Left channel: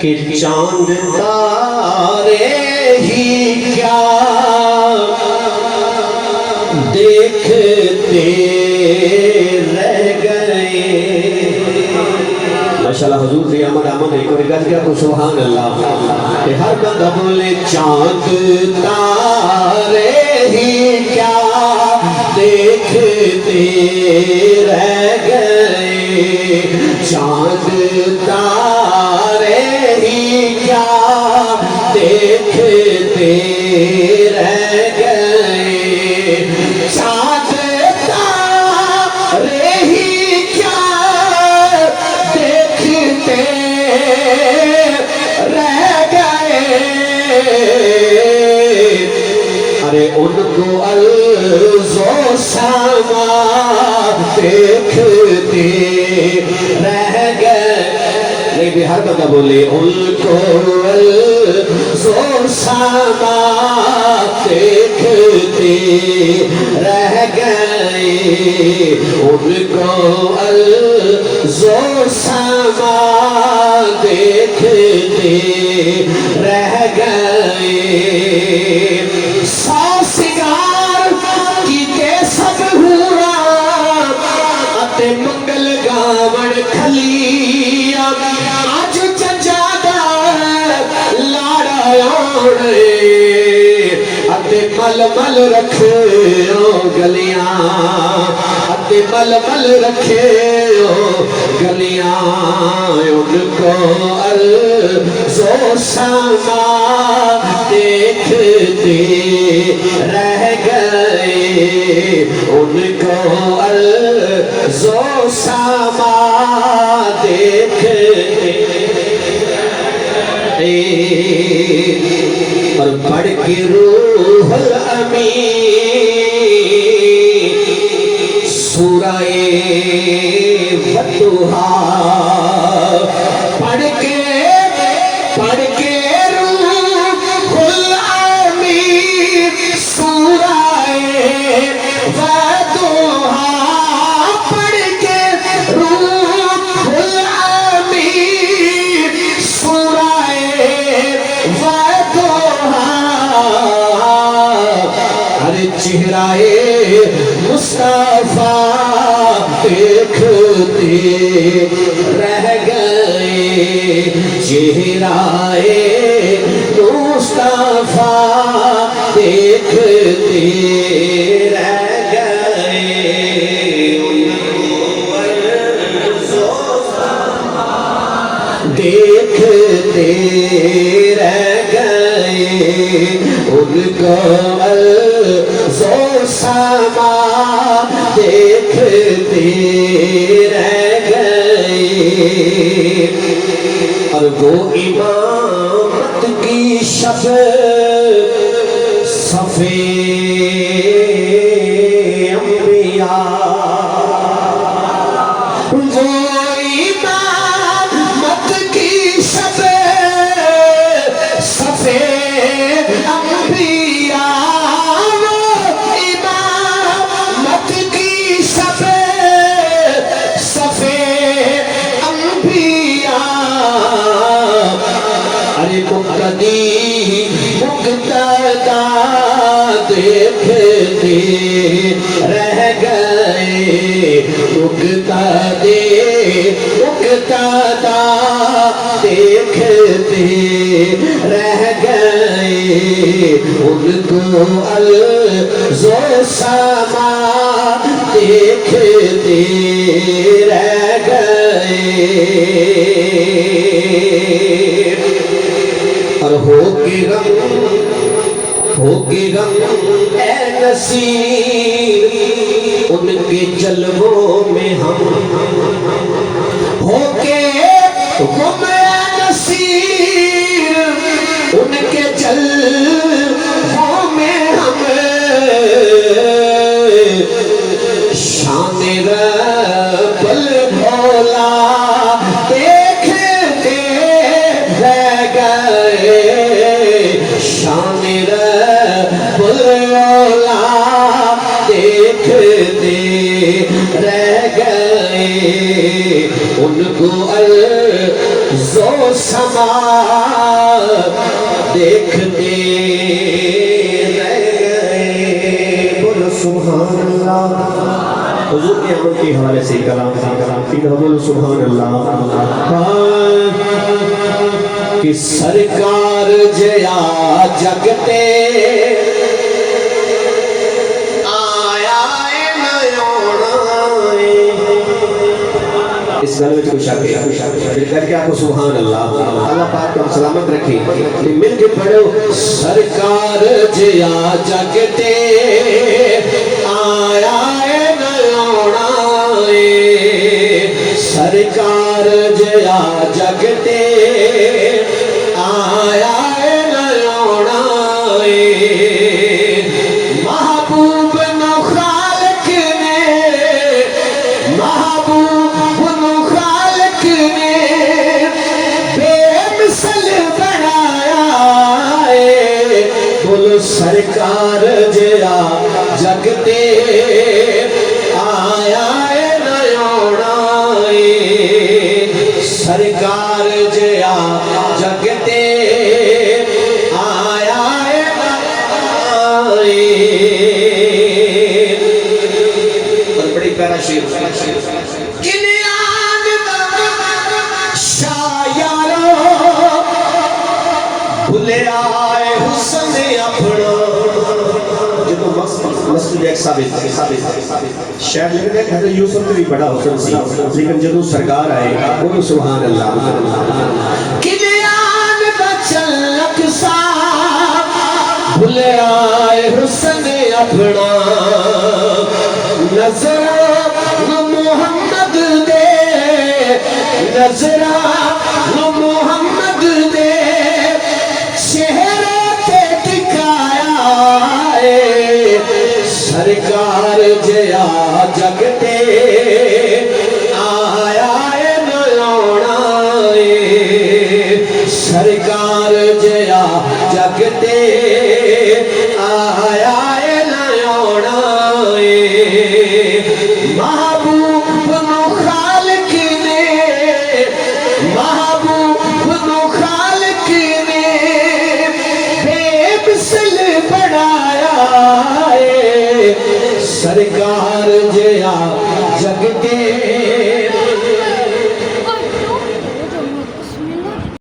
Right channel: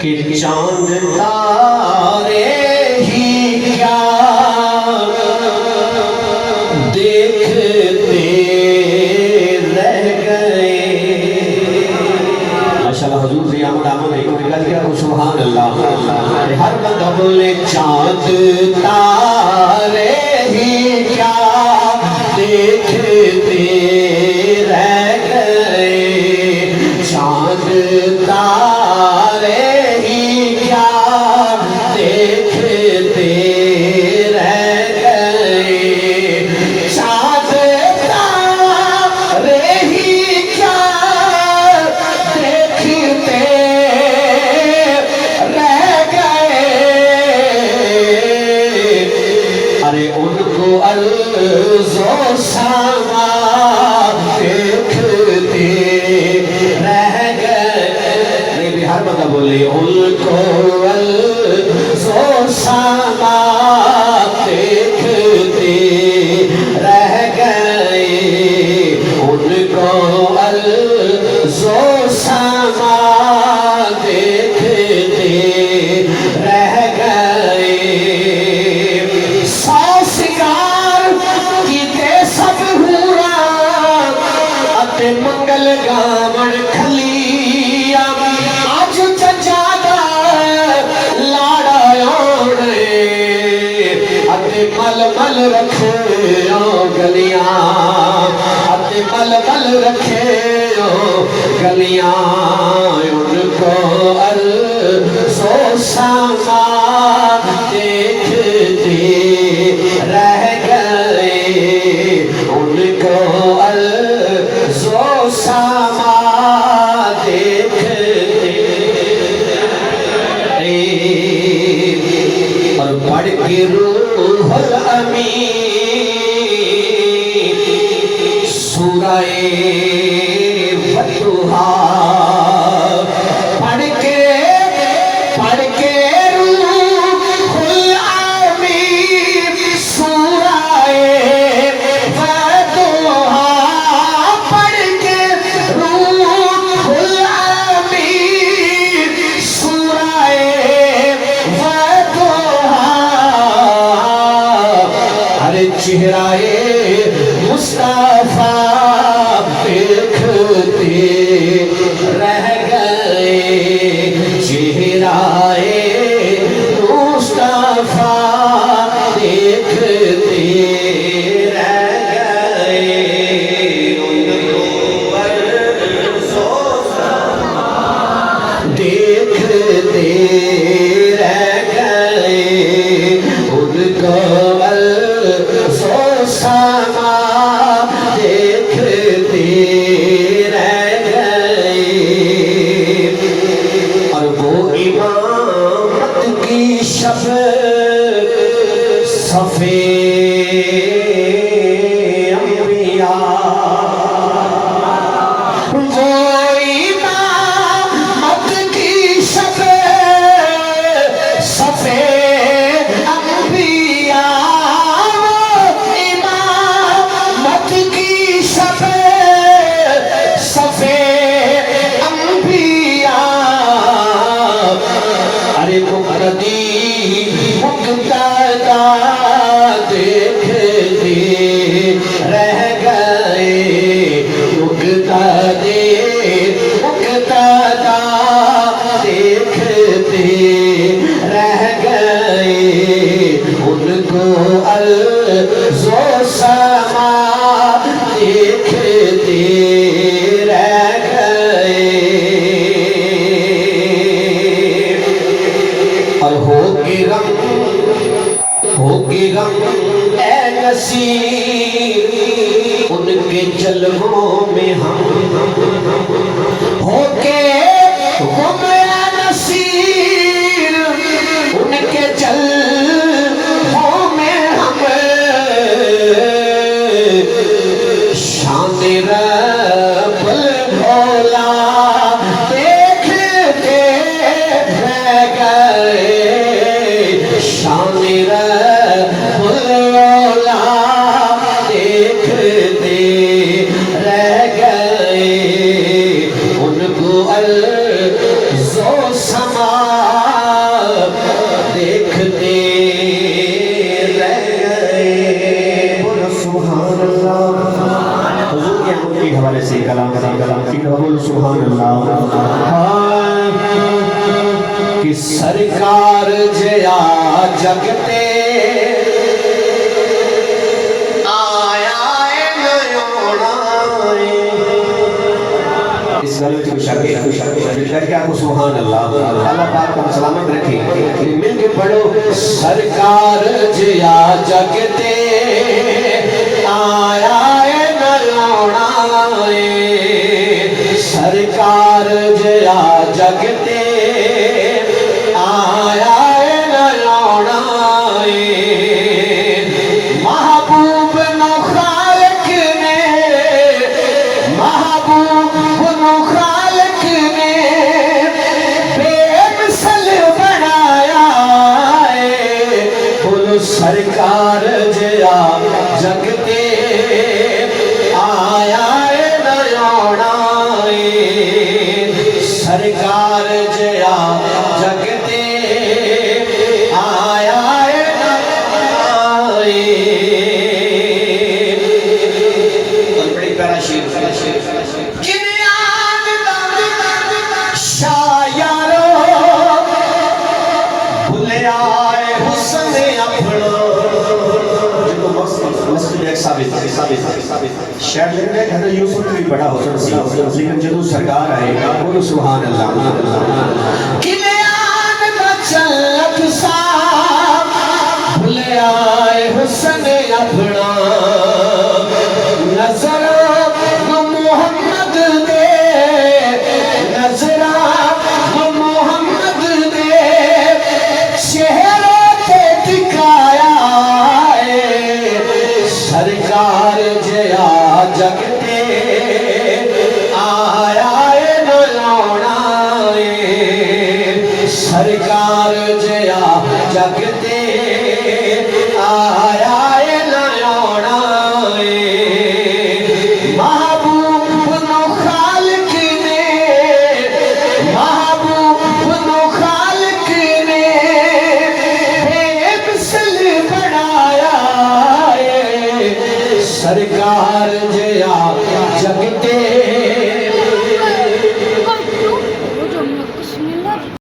کہ چاند تارے ہی کیا دیکھتے رہ گئے۔ ماشاءاللہ حضور دی آمد ایک اور گل کیا تو سبحان اللہ کہ ہر بندہ بولے چاند تارے ہی کیا دیکھتے رہ گئے، چاند تارے ہی کیا دیکھتے رہ گئے، چاند تارے ہی کیا دیکھتے رہ گئے۔ ارے ان کو عرض و سما دیکھتے رہ گئے۔ نہیں بھی ہر بندہ بولے ان کو عرض و سما دیکھتے رہ گئے، ان کو عرض و سما دیکھتے رہ گئے۔ سو سنگار کیتے سب ہورا اتے منگل گاون کھلیا، آج چچادا لاڑا آنے اتے مل مل رکھے گلیاں، اتے مل مل رکھے گلیاں، ان کو عرض و سما دیکھتے رہ گئے، ان کو عرض و سما دیکھتے اور پڑھ کے روح الامین سورہ فتوحا، پڑھ کے روح الامین سورہ فتوحا، پڑھ کے روح الامین سورہ فتوحا، ارے چہرہ مصطفیٰ دیکھتے رہ گئے، چہرہ مصطفیٰ دیکھتے رہ گئے، ان کو عرض و سما دیکھتے رہ گئے، ان کو عرض و سما دیکھتے رہ گئے۔ اور وہ امامت کی شب صفے انبیاء، وہ امامت کی شب صفے انبیاء، وہ امامت کی شب صفے انبیاء، ارے مقتدی مقتدا دیکھتے رہ گئے، مقتدی مقتدا دیکھتے رہ گئے، ان کو عرض و سما دیکھتے رہ گئے۔ اور ہو کے غم اے نصیر ان کے جلووں میں ہم، ہو کے غم اے نصیر ان کے جلووں میں ہم، شان رب المولا دیکھتے رہ گئے، شان رب المولا دیکھتے رہ گئے، ان ان کو الزو سما دیکھتے رہ گئے. بولو سبحان اللہ. حضور کی آمد کے حوالے سے کلام کی بولو سبحان اللہ. کہ سرکار جیا جگتے اس گھر میں خوش آگے دل کر کے آپ کو سبحان اللہ. اللہ پاک کو سلامت رکھے. مل کے پڑھو. سرکار جیا جگتے آیا نلوڑا سرکار جیا جگتے آیا نلوڑا محبوب نو خالق نے محبوب سرکار جیا جگتے آیا نلوڑا سرکار جیا جگتے آیا نلوڑا. بڑی پیارا شیر. شایارو بھلے آئے حسن اپنا. مسجد ایک ثابت شاید میرے حضرت یوسف بھی بڑا حسن سی لیکن جدو سرکار آئے گا بولو سبحان اللہ. کلیان بچلک سا بھلے آئے حسن اپنا نظر محمد دے نظر محمد دے چہرے تے ٹکایا سرکار جیا جگتے آیا نلوڑا سرکار جیا جگتے آیا نلوڑا. محبوب نو خالق نے محبوب نو خالق نے بے مثل بنایا سرکار